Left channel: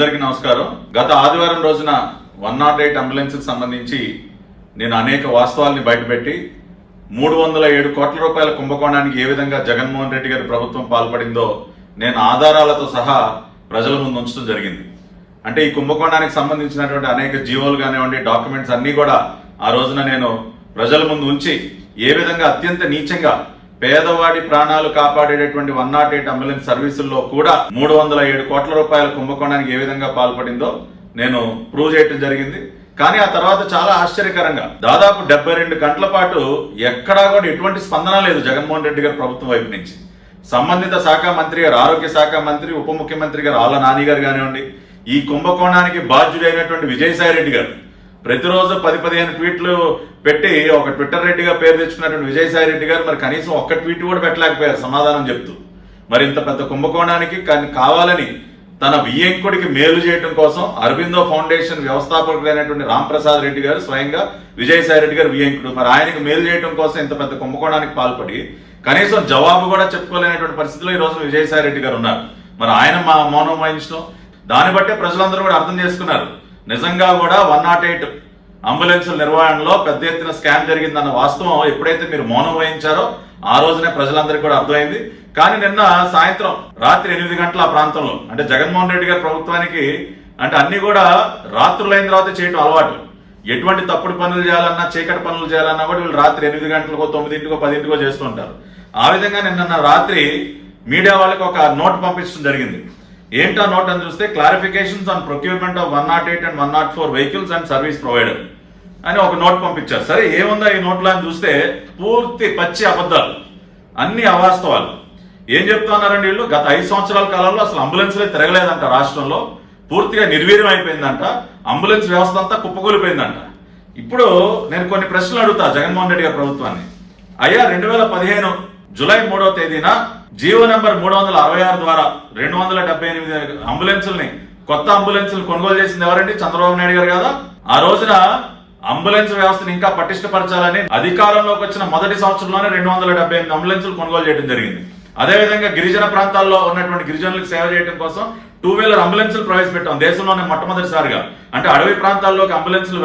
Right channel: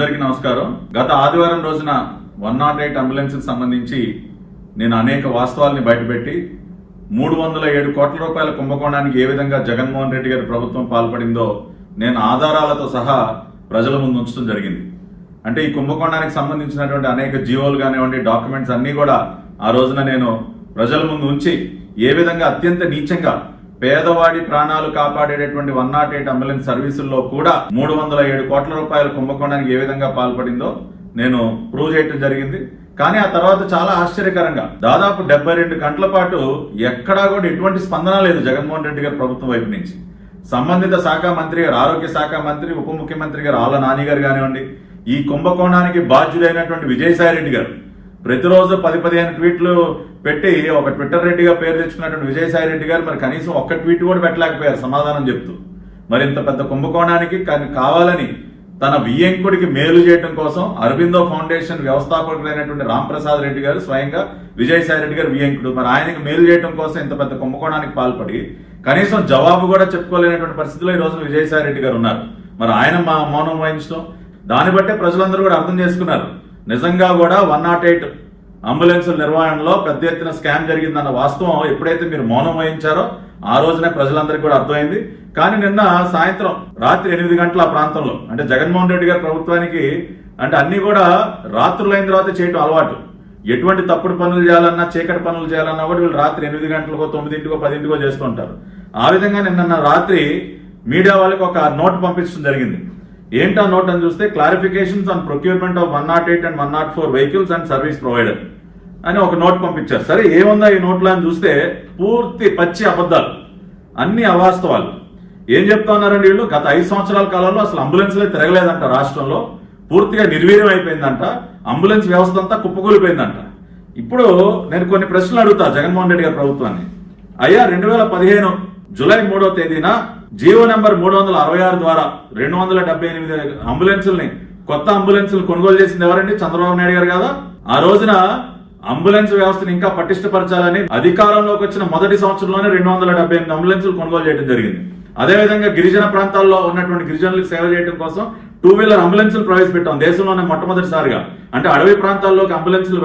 అందరికీ నమస్కారం. గత ఆదివారం రోజున 108 అంబులెన్స్ కి సంబంధించి నేను అనేక వాస్తవాల్ని బయటపెట్టి 307 కోట్ల రూపాయల కుంభకోణానికి ఏ విధంగా జగన్మోహన్ రెడ్డి గారి ప్రభుత్వం పాల్పడిందో నేను ఆధారాలతో సహా ప్రజల ముందు ఉంచడం జరిగింది. అంటే ఈ కుంభకోణానికి సంబంధించినటువంటి అనేక జీవోలు కానివ్వండి, డాక్యుమెంట్స్ అన్ని కూడా ఆ రోజున నేను ప్రజల ముందు ఉంచి ఏ విధంగా అత్యంత నీచంగా పేదవాడి ప్రాణాలు కాపాడేటటువంటి 108 అంబులెన్స్ సర్వీసుల్లో కూడా 307 కోట్ల రూపాయల కుంభకోణానికి ఏ విధంగా పాల్పడిందో నేను ప్రూవ్ చేయడం జరిగింది. కానీ ఆ తర్వాత చాలా ఆశ్చర్యకరంగా దాదాపు 72 గంటల పాటు ఎక్కడా కూడా ఎటువంటి స్పందన లేదు జగన్మోహన్ రెడ్డి గారి ప్రభుత్వం వైపు నుంచి. సంబంధిత శాఖ మంత్రి గారు, ఆరోగ్య శాఖ మంత్రి, ఉప ముఖ్యమంత్రి గారు ఆళ్ల నాని గారు కానివ్వండి, ఈ కుంభకోణానికి బాధ్యుడైనటువంటి విజయసాయి రెడ్డి గారు ప్రతిరోజు 10-15 ట్వీట్లు పెట్టి ఒక ట్విట్టర్ రెడ్డిగా పేరు తెచ్చుకున్నటువంటి విజయసాయి రెడ్డి గారు మరి కనీసం ఒక్క ట్వీట్ కూడా పెట్టలేకపోయారు సమాధానం చెప్తూ. మరి ఇంత పెద్ద కుంభకోణానికి కావాలని తన వియ్యంకుడికి మేలు చేయడం కోసం అరబిందో ఫౌండేషన్ వ్యవస్థాపకుడైనటువంటి రాంప్రసాద్ రెడ్డి గారు స్వయంగా విజయసాయి రెడ్డి గారు వియ్యంకుడు, మరి ఆయనకు మేలు చేయడం కోసం ఇంత పెద్ద కుంభకోణానికి పాల్పడి కనీసం జవాబు కూడా చెప్పుకోలేనటువంటి పరిస్థితిలో ఈ రోజున విజయసాయి రెడ్డి గారు ఉన్నారు. మరి ఆయన మౌనం వహించడం, దాన్ని బట్టే ప్రజలందరూ కూడా అర్థం చేసుకున్నారు నిజంగా కూడా 108 అంబులెన్సుల నిర్వహణలో పెద్ద ఎత్తున స్కామ్ జరిగిందన్న వాస్తవం ఎప్పుడైతే మీరు మౌనం వహించారో ఆ రోజునే ప్రజలందరికీ కూడా అర్థమైంది. కానీ నిన్న సాయంత్రం రాత్రి 8 గంటల ఆ ప్రాంతంలో, అంటే జగన్మోహన్ రెడ్డి గారి ప్రభుత్వానికి అంటే అన్ని కూడా రాత్రులైన తర్వాత చేయటం అలవాటు. ఎటువంటి తప్పుడు పనులు చేయాలన్నా, చీకటి పనులు చేయాలన్నా కూడా వీళ్ళు రాత్రి 8 గంటలకో 9కో 10కో చేస్తూ ఉంటారు. ఆ విధంగా నిన్న రాత్రి మీడియా వాళ్ళకి ఒక నోట్ పంపించడం జరిగింది. ఏంటా నోట్ అని చూస్తే clarifications on procurement of 108 and 104 vehicles and service provider అని ఒక నోట్ పంపించారు. సరే ఏముందా ఈ నోట్లో అని చూస్తే పూర్తి పచ్చి అబద్ధాలు, అన్ని అవాస్తవాలు. ఏం చెప్తా ఉన్నారండి వీళ్ళు? గత 5 సంవత్సరాల కాలంలో అసలు అంబులెన్స్లే తిరగలేదంట, రాష్ట్రంలో పూర్తిగా నిర్వీర్యం అయిపోయిందంట, అంబులెన్స్ వ్యవస్థ అంతా కుప్పకూలిపోయిందంట. ఇప్పుడు నేను కొన్ని ప్రశ్నలు అడుగుతా జగన్మోహన్ రెడ్డి గారి ప్రభుత్వాన్ని. అయ్యా 2015 జూలై 3వ తేదీన జీవో నెంబర్ 366 ద్వారా 278 అంబులెన్సుల్ని, కొత్త అంబులెన్సులు కొనుగోలు చేసింది ఎవరండి? చంద్రబాబు నాయుడు గారు కదా. ఆ రోజున అంబులెన్స్ వ్యవస్థను ఇంకా పటిష్టపరచాలని అధికారంలోకి వచ్చిన మొదటి సంవత్సరంలోనే 278 అంబులెన్సులు కొనుగోలు చేయడం జరిగింది. అదేవిధంగా గిరిజన ప్రాంతాల్లో ఉన్నటువంటి గిరిజనులకు సేవ చేయడం కోసం 2 వీలర్ అంబులెన్సులు ప్రవేశపెట్టాం దేశంలోనే మొట్టమొదటిసారిగా. అంటే అడవి ప్రాంతాల్లోకి అంబులెన్సులు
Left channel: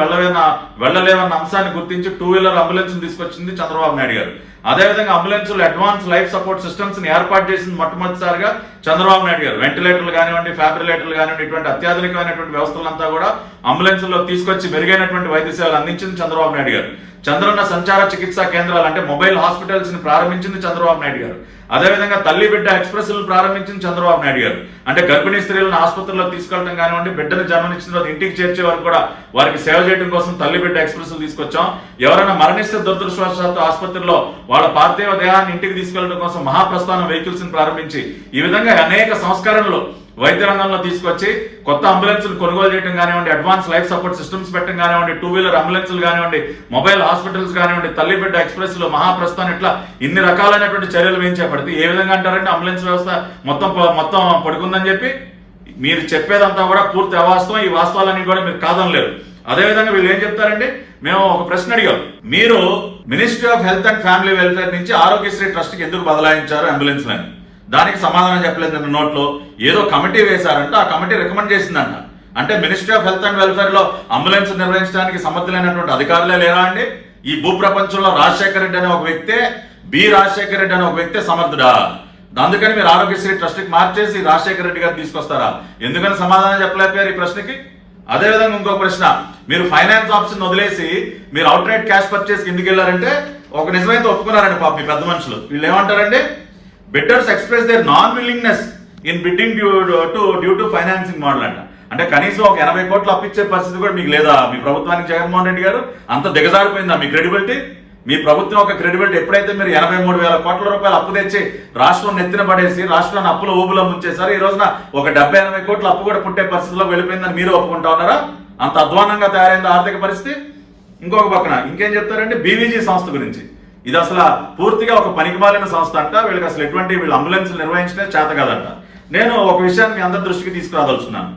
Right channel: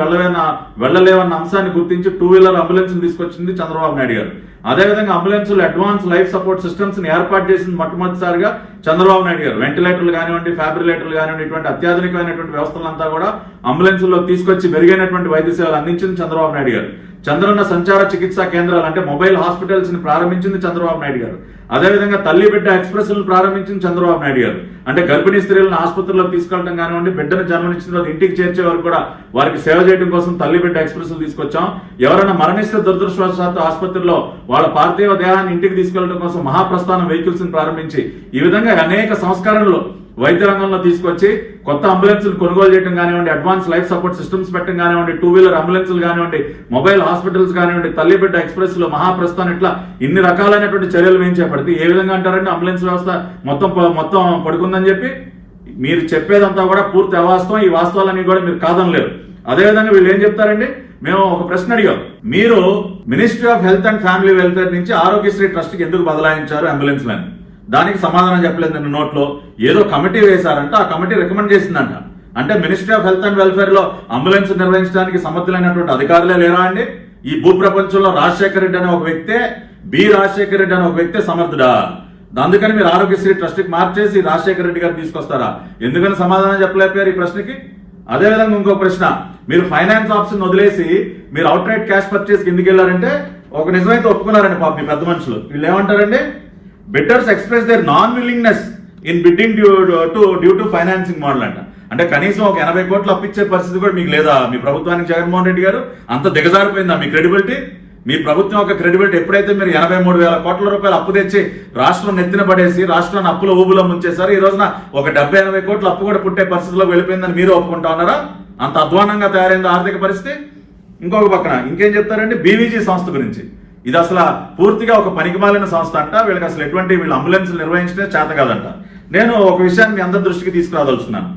వెళ్ళలేవన్న అంశాన్ని గుర్తించి 2 వీలర్ అంబులెన్సులు తీసుకొచ్చింది చంద్రబాబు నాయుడు గారు. అదేవిధంగా అంబులెన్సులు అడ్వాన్స్ లైఫ్ సపోర్ట్ సిస్టమ్స్ ని ఏర్పాటు చేసింది మొట్టమొదటిసారిగా చంద్రబాబు నాయుడు గారు. వెంటిలేటర్లు కానివ్వండి, ఫ్యాబ్రిలేటర్లు కానివ్వండి, ఇటువంటి అత్యాధునికమైనటువంటి వ్యవస్థలంతా కూడా అంబులెన్సుల్లో తీసుకొచ్చి మెరుగైనటువంటి వైద్య సేవలు అందించింది చంద్రబాబు నాయుడు గారు. చంద్రన్న సంచార చికిత్సా కేంద్రాలు అంటే మొబైల్ హాస్పిటల్స్ ని ప్రారంభించింది చంద్రబాబు నాయుడు గారు. అదేవిధంగా తల్లి బిడ్డ ఎక్స్ప్రెస్ ప్రారంభించింది చంద్రబాబు నాయుడు గారు. అంటే గర్భిణీ స్త్రీలను ఆసుపత్రుల్లో తీసుకెళ్లడం కానివ్వండి, బిడ్డను జన్మనిచ్చిన తర్వాత ఇంటికి చేర్చే వరకు కూడా వారికి సేవ చేయడం కోసం తల్లి బిడ్డ ఎక్స్ప్రెస్ తీసుకొచ్చాం. ఎవరైనా మరణిస్తే దురదృష్టవశాత్తు ఆసుపత్రిలో వాళ్ళ పార్థివ దేహాన్ని ఇంటికి తీసుకెళ్లడం కోసం మహాప్రస్థానం వెహికల్స్ ని ప్రారంభించి ఈ విధంగా అనేక సంస్కరణలు వైద్య రంగంలో తీసుకొచ్చి కొత్త అంబులెన్సులు కొనుగోలు చేయడం కానివ్వండి, అడ్వాన్స్ లైఫ్ సపోర్ట్ సిస్టమ్స్ పెట్టడం కానివ్వండి, 2 వీలర్ అంబులెన్సులు కానివ్వండి, మొబైల్ హాస్పిటల్స్ కానివ్వండి, తల్లి బిడ్డ ఎక్స్ప్రెస్ లో మహాప్రస్థానం, ఇట్లా ఇన్ని రకాలైనటువంటి చర్యలు మేము చేపడితే ఏ విధంగా అంటారండి అంబులెన్స్ వ్యవస్థ మొత్తం పడుకుందని చెప్పి? మీరు చెప్పేదంతా కూడా పూర్తి అవాస్తవం. ఈ వాస్తవాలన్నీ కూడా మీరు కాదనలేరు. అదేవిధంగా వీళ్ళు ఏం చెప్తారండి? మేము ఒక ప్రశ్న అడిగాం, మీరు ministry of health and family welfare నుంచి ఆరోగ్యశ్రీ ట్రస్ట్ కి ఎందుకు బదలాయించారు అంబులెన్స్లని? దానికి సమాధానం చెప్పలేదు. నిన్న నోట్లో ఏదో కమిటీ వేశారంట, ఆ కమిటీ రికమెండ్ చేసిందంట. అంటే ministry of health and welfare లో అంబులెన్స్ నిర్వహించడానికి సమర్థులైనటువంటి అధికారులే లేరా అండి? ఈ భూ ప్రపంచంలో రాజశేఖర రెడ్డి అనే ఒక వ్యక్తే, రాజశేఖర రెడ్డి అనే ఒక వ్యక్తే సమర్థుడా? అందుకని మీరు ఆరోగ్యశ్రీ ట్రస్ట్ కి మార్చేసి రాజశేఖర రెడ్డి గారు తీసుకొస్తారా? ఎందుకని సమాధానం చెప్పలేకపోయారు ఈ ప్రశ్నకి? అదేవిధంగా ఇంకో ప్రశ్న, మీరు ఫైనాన్స్ ఆప్షన్ వదిలేసి మీరు అవుట్ రైట్ క్యాష్ పర్చేస్ ఎందుకు వెళ్ళారంటే ఒక నిజమైతే ఒప్పుకున్నారండి పాప మీ పెద్ద మనుషులు. వీళ్ళు ఏమంటారండి? Bidders express there non willingness in bidding due to financing model అంట. అంటే కనీసం ఒక 80 కోట్లు అప్పిచ్చే పరిస్థితి కూడా మీకు లేదా మీ ప్రభుత్వానికి? జగన్మోహన్ రెడ్డి గారు అంత దిగజారిపోయిందా మీ క్రెడిబిలిటీ? మీ ప్రభుత్వం ఒక క్రెడిబిలిటీ ఎప్పుడైతే మీరు 83,000 కోట్ల రూపాయలు అప్పు తెచ్చి రాష్ట్రం నెత్తిన పడేసి రాష్ట్రాన్ని అప్పుల ఊబులో ముంచేశారు. ఈ రోజున ఒక 70-80 కోట్ల అప్పు కూడా పుట్టే పరిస్థితిలోకి వెళ్ళిపోయిందని మీరు ఒప్పుకుంటా ఉన్నారా? అంత అధ్వానంగా తయారైంది ఆర్థిక పరిస్థితి. ఇంకొక పక్కన ఇంకేం చెప్తారంటే బీవీజీ సంస్థ గురించి. ఇది అసలు పూర్తిగా ఒక పనికిమాలిన సంస్థ అంట. వీళ్ళకి అసలు వీళ్ళు అంబులెన్స్ నిర్వహించే చేత కాదంట. నేను ఒక విషయాన్ని మీ అందరి దృష్టికి తీసుకురాదలుచున్నాను.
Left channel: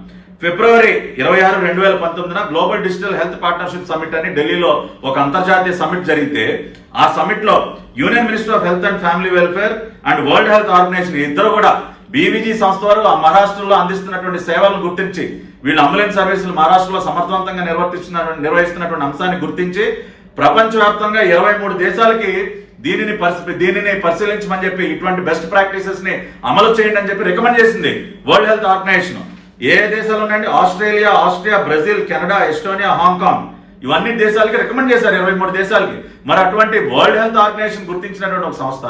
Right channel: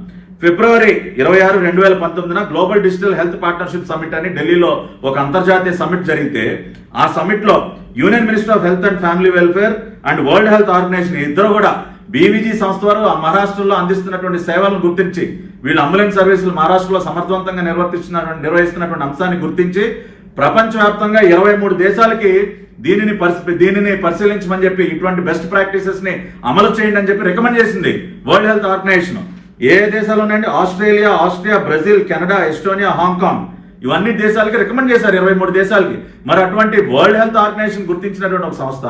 ఫిబ్రవరి 26, 2019 global digital health partnership summit అని ఢిల్లీలో ఒక అంతర్జాతీయ సమిట్ జరిగితే ఆ సమిట్ లో union minister of health and family welfare and world health organisation ఇద్దరు కూడా బీవీజీ సంస్థ వారు ఆ మహారాష్ట్రలో అందిస్తున్నటువంటి సేవలను గుర్తించి వీళ్ళు అంబులెన్స్ సర్వీసులు మహారాష్ట్రలో సమర్థవంతంగా నిర్వహిస్తున్నటువంటి అంశాన్ని గుర్తించి ప్రపంచవ్యాప్తంగా 23 దేశాలకి దీనిని పరిశీలించమని చెప్పి ఇటువంటి బెస్ట్ ప్రాక్టీసెస్ ని అమలు చేయండి అని చెప్పి రికమెండ్ చేసింది వరల్డ్ హెల్త్ ఆర్గనైజేషన్. ఏ దేశాలు ఉన్నాయండి? Australia, Austria, Brazil, Canada, Estonia, Hong Kong, ఇవన్నీ దేశాలకి రికమెండ్ చేశారు, 23 దేశాలకి. మరి అటువంటి వరల్డ్ హెల్త్ ఆర్గనైజేషన్ గుర్తించినటువంటి ఒక సంస్థ,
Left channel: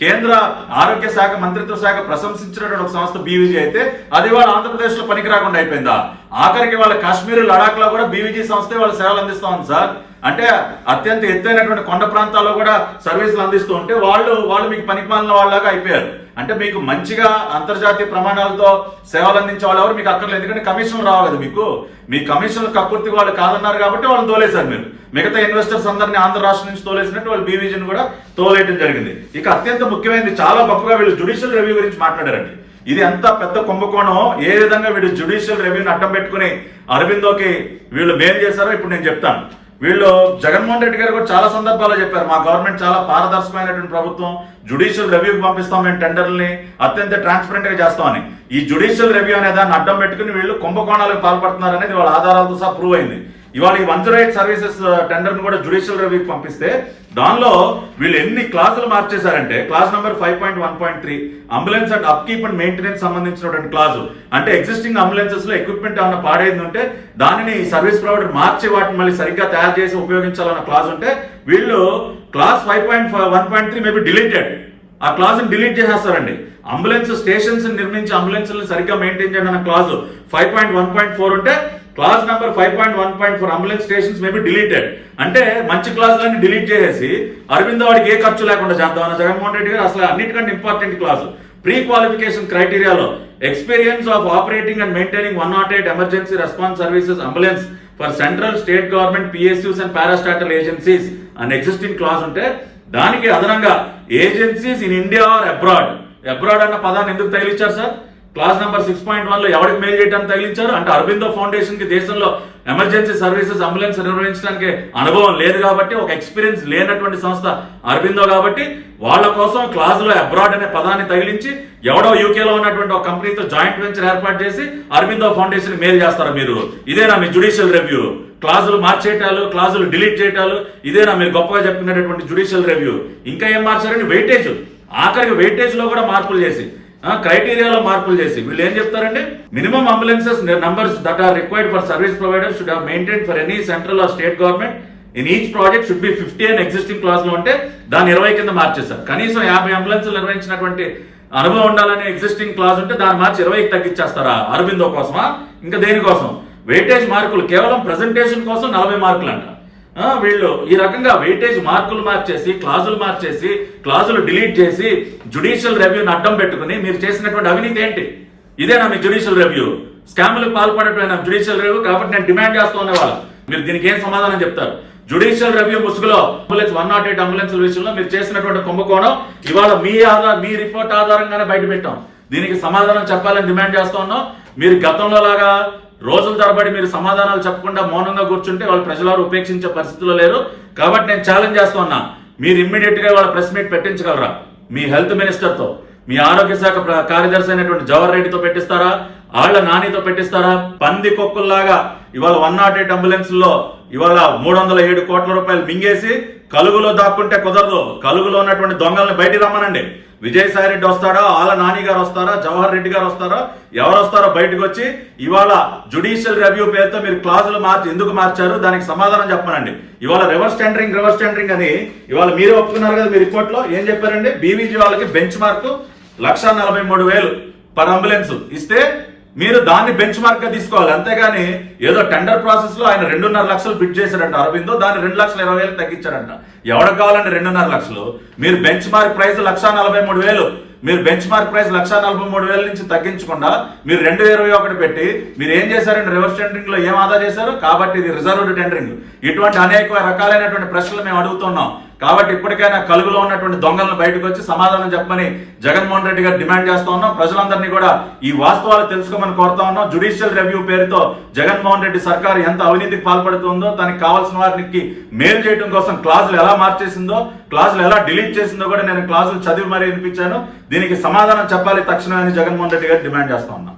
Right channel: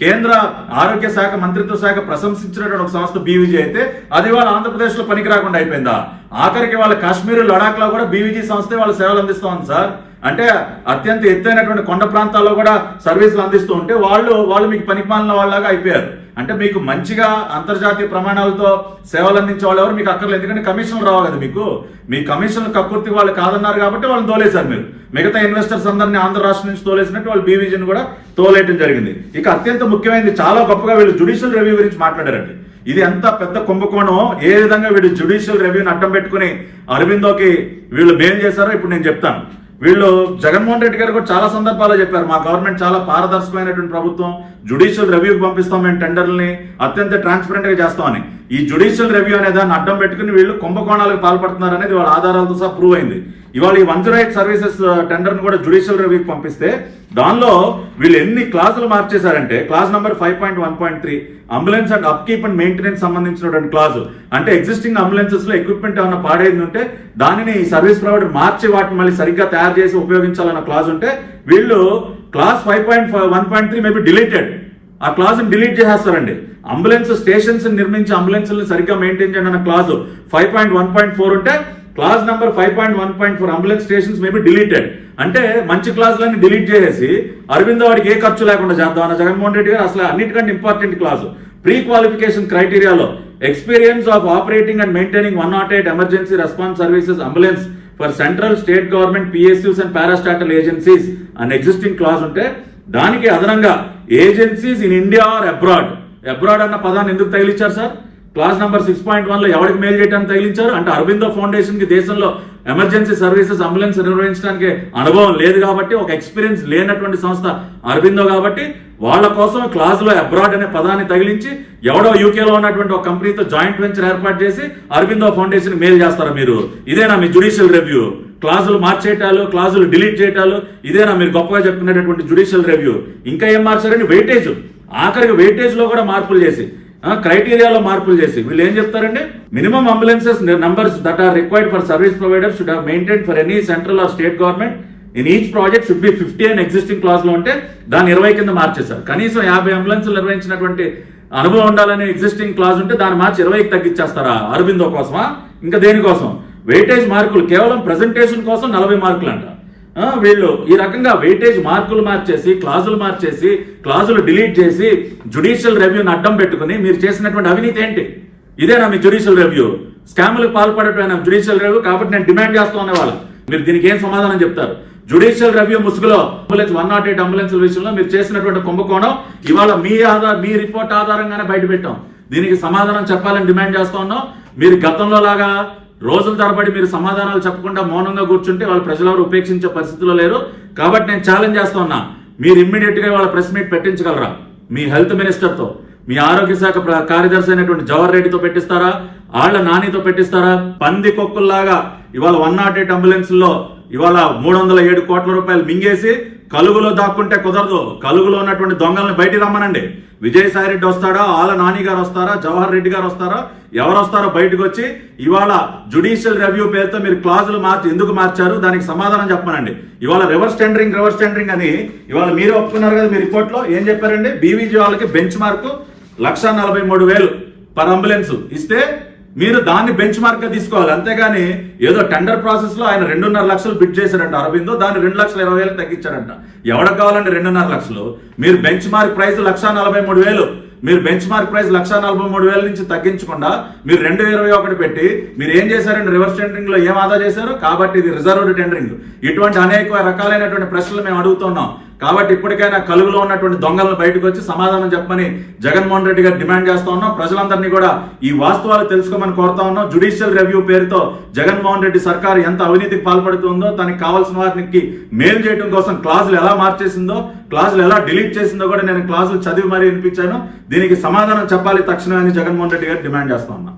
కేంద్ర ఆరోగ్య శాఖ మంత్రిత్వ శాఖ ప్రశంసించినటువంటి ఒక సంస్థ బీవీజీ అయితే అది వాళ్ళ ఆంధ్రప్రదేశ్ లో పనికి రాకుండా అయిపోయిందా? ఆఖరికి వాళ్ళ కాశ్మీర్, లడాక్ లో కూడా బీవీజీ సంస్థే వాళ్ళ సేవలు అందిస్తా ఉంది సార్. అంటే అత్యంత ఎత్తైనటువంటి కొండ ప్రాంతాల్లో కూడా సర్వీసులు అందిస్తూ ఉంటే వాళ్ళు మీకు పనికిమాలిన వాళ్ళలాగా అయిపోయారు. అంటే మీకు మంచిగా అంతర్జాతీయ ప్రమాణాలతో సేవలు అందించే వాళ్ళు ఎవరు మీకు అక్కర్లేదు, ఎందుకంటే కమిషన్లు రావు కదా మీకు. మీ కమిషన్లు కక్కుర్తి వాళ్ళు కాదన్నారు కాబట్టి వాళ్ళని తోలేశారు మీరు. మిగతా ఇన్వెస్టర్స్ అందరినీ ఆంధ్ర రాష్ట్రం నుంచి తోలేసినట్టు వాళ్ళు బీవీజీని కూడా తోలేయడం జరిగింది. ఇక అత్యంత ముఖ్యమైనది, చాలా గొప్పగా వీళ్ళు జ్యుడిషియల్ రివ్యూ గురించి మాట్లాడారండి. ఇది ఎంత పెద్ద కుంభకోణం, ఏ విధంగా వీళ్ళు జ్యుడిషియల్ రివ్యూని అడ్డం పెట్టుకుని అరవిందోకి వీళ్ళు మేలు చేశారో ఇప్పుడు నేను చెప్తాను. వీళ్ళు జగన్మోహన్ రెడ్డి గారు కూడా చాలా సందర్భాల్లో చెప్పారు, మా గవర్నమెంట్ చాలా పారదర్శకమైనటువంటి ప్రభుత్వం, జ్యుడిషియల్ రివ్యూకి పంపిస్తాం మేము టెండర్లని, అత్యంత ట్రాన్స్పరెంట్ గా చేస్తామని. ఈ జ్యుడిషియల్ రివ్యూ అనే దాన్ని అడ్డం పెట్టుకుని వీళ్ళు కుంభకోణాలకు పాల్పడుతున్నారు అనేది వాళ్ళ ఆధారాలతో సహా ప్రూవ్ అయింది. ఇవాళ ఈ 108 సర్వీసెస్ టెండర్ ను కూడా జ్యుడిషియల్ రివ్యూకి పంపిస్తే దానిలో వీళ్ళు ఎన్ని క్లాజులు మార్చేశారంటే, clause number 5.1.3 ambulance and upkeep and maintenance సంబంధించినటువంటి క్లాజు. అంటే ఎగ్జిస్టింగ్ అంబులెన్సెస్ లో ఎక్విప్మెంట్ ఏమైనా పాడైంది ఉంటే దానిని సర్వీస్ ప్రొవైడర్ మార్చి వాటిని మళ్ళీ సరిగ్గా తయారు చేసి ఉపయోగించాలన్న క్లాజ్ ఉంటే వీళ్ళు క్లాస్ 5.1.3 మేబీ డిలీటెడ్, ఆ క్లాజ్ ని డిలీట్ చేసేస్తారండి. అంబులెన్స్ స్టేషన్స్ నిర్మించి అంబులెన్స్ సరిగ్గా మెయింటైన్ చేయండి అన్న క్లాజ్ 5.1.4 ఉంటే clause number 5.1.4 ambulance stations maybe deleted. అంటే మంచి క్లాజులన్నీ డిలీట్ చేసేసి అరవిందో వాడికి ఏ ఖర్చు లేకుండా చేద్దాం అన్న జగన్మోహన్ రెడ్డి గారు అసలు అన్నిటికంటే ఇంపార్టెంట్ క్లాజు ప్రీ క్వాలిఫికేషన్ క్రైటీరియాలో experience of operating and maintaining 108 emergency response services ambulance for central, state government, PSUs and parastatal agencies అనే ఎగ్జిస్టింగ్ క్లాజ్ ఉంటే దానికి అదనంగా agencies in India or abroad, abroad అన్న పదాన్ని ఎందుకు తగిలించారు సార్? క్లాస్ నెంబర్ 6.1 లో ఎవరికి మేలు చేయడానికి తగిలించారు అంటే అరబిందో ఫౌండేషన్ కి దేశంలో ఎమర్జెన్సీ సర్వీసెస్ అంబులెన్స్ నిర్వహించడానికి అనుభవం లేదు కాబట్టి, ఒక ఎక్స్పీరియన్స్ లేనటువంటి సంస్థ అరబిందో కాబట్టి వాళ్ళ కోసం క్లాజ్ లో అబ్రాడ్ అనే పదాన్ని తగిలించి ఎవడో యూకేలో ఉన్నటువంటి ఒక కంపెనీతో జాయింట్ వెంచర్ ఏర్పాటు చేసి అరబిందో ఫౌండేషన్ మేలు చేస్తారా మీరు? ఇదేనా మీ జ్యుడిషియల్ రివ్యూ? క్లాజులు మార్చేయటాలు, క్లాజులు డిలీట్ చేయటాలు, ఇదేనా మీరు గొప్పగా చెప్పుకునేటటువంటి జ్యుడిషియల్ రివ్యూ? ఇంకా ఏం మార్చారండి? వెయిటేజ్, ఆఖరికి వెయిటేజ్ లో కూడా మార్పులు చేసి, క్రైటీరియాలో మార్పులు చేసి వీళ్ళు ఏం చెప్తారండి? Minimum ambulances numbers that are required for service provider should have maintain for any central or state government in each project should be 50 అని ఎగ్జిస్టింగ్ క్లాస్ లో ఉంటే దాన్ని 20 కింద మార్చేశారు. కనీసం 50 అంబులెన్స్లు నిర్వహించినటువంటి అనుభవం ఉండాలని ఎగ్జిస్టింగ్ క్లాస్ ఉంటే దాన్ని మార్చి 20కి తగ్గించేస్తారా? అరబిందో కోసమా? ఇంకా దేనికోసం? వెయిటేజ్ మార్కులు కేవలం ప్రెజెంటేషన్ కోసం 40 మార్కులు అంట. వీళ్ళు ఈ రకంగా వెయిటేజ్ మార్కులు మార్చేసి, క్లాజులు మార్చేసి, క్లాజులు డిలీట్ చేసి జ్యుడిషియల్ రివ్యూని అడ్డం పెట్టుకుని మీరు చేసినటువంటి అవినీతి ఏంటి? ఇదేనా మీ జ్యుడిషియల్ రివ్యూ? స్కాములకు పాల్పడటం జ్యుడిషియల్ రివ్యూ. కాబట్టి నేను డిమాండ్ చేస్తూ ఉన్నవాళ్ళు మీరు దీనికి ఏం సమాధానం చెప్తారు? జ్యుడిషియల్ రివ్యూ ముసుగులో అంబులెన్స్ 108 అంబులెన్స్ల విషయంలో మీరు చేసినటువంటి కుంభకోణం ఇవాళ మీ రిపోర్ట్ ఆధారంగానే బయట పెట్టాం. దీనికి సమాధానం చెప్పాలని డిమాండ్ చేస్తూ ఉన్నాం. మీరు గతంలో లాగా రోజుల తరబడి మీరు సమాధానాలు చెప్పకుండా మౌనంగా కూర్చుంటే వాళ్ళు ప్రజలెవరు ఉపేక్షించే పరిస్థితిలో లేరు. కాబట్టి నేను ఛాలెంజ్ చేస్తూ ఉన్నా, మీరు ఇమ్మీడియట్ గా వాళ్ళ ప్రెస్ మీట్ పెట్టించగలరా? మీ హెల్త్ మినిస్టర్ తో, మీ ఆరోగ్య శాఖ కార్యదర్శి అయినటువంటి జవహర్ రెడ్డితో పెట్టిస్తారా? ఆళ్ల నానితో పెట్టిస్తారా? పంది కొక్కుల్లాగా ఇవాళ 108 అంబులెన్స్ లో ఇవాళ 307 కోట్ల రూపాయలు మింగేసి కలుగులో దాక్కుంటే కుదరదు. కలుగులో ఉన్నటువంటి దొంగల్ని బయటికి రమ్మనండి. విజయసాయి రెడ్డి వస్తాడా? ఆళ్ల నాని గారు వస్తారా? జవహర్ రెడ్డి గారు వస్తారా? ఎవరు వస్తారో బయటకు వచ్చి ఇవాళ జ్యుడిషియల్ రివ్యూ పేరుతో మీరు క్లాజులు ఎందుకు మార్చారు దానికి సమాధానం చెప్పమనండి. ఇవాళ రివర్స్ టెండరింగ్ అని ఇవాళ మీరే ఒప్పుకున్నారు కదా మీ రిపోర్ట్ లో. ఏం చెప్పారండి? బీవీజీ వాళ్ళకి బెంచ్ మార్కు 1,43,000 పర్ అంబులెన్స్ ఇస్తే మీరు దాన్ని బెంచ్ మార్క్ గా తీసుకోవాలి. అంతేగాని ఏదో టెండర్ ప్రాసెస్ లో ఆయన 2.5 లక్షలు బిడ్ చేశారంట అరబిందో, దాన్ని 2,20,000 తగ్గించారంట. ఎవరికి కావాలంటే 2.5 లక్షలు? మీరు బెంచ్ మార్క్ ప్రైస్ 1,43,000, మీరు బెంచ్ మార్క్ ప్రైస్ 1,43,000 నుంచి తగ్గించకుండా మీరు 2,21 పెట్టి మీరు ఏం చేశారండి? రివర్స్ టెండరింగ్ లో ఏం ఆదా చేశారు? కాబట్టి ఇది రిజర్వ్డ్ టెండరింగ్. ఇటువంటి అనేక రకాలైనటువంటి ప్రశ్నలు మేము అడుగుతున్నాం. కాబట్టి ఇప్పటికైనా కలుగులో ఉన్నటువంటి దొంగలను బయటకు వచ్చి సమాధానం చెప్పమని జగన్మోహన్ రెడ్డి గారు డిమాండ్ చేస్తా ఉన్నాం. ప్రజలందరినీ కూడా ఈ వాస్తవాలు తెలుసుకోమని కోరుతా ఉన్నాం. జ్యుడిషియల్ రివ్యూ పేరుతో జగన్మోహన్ రెడ్డి సర్కారు ఎంత అవినీతికి పాల్పడుతుందో, తనకి కావాల్సిన వారికి మేలు చేయడం కోసం క్లాజులు ఎలా మార్చేసిందో, క్లాజులు ఎలా డిలీట్ చేసిందో కూడా నేను క్లాజులు చదివి మరీ వినిపించాను. దీనికి సమాధానం చెప్పాలి తక్షణమే అని జగన్మోహన్ రెడ్డి గారు డిమాండ్ చేస్తా ఉన్నాం.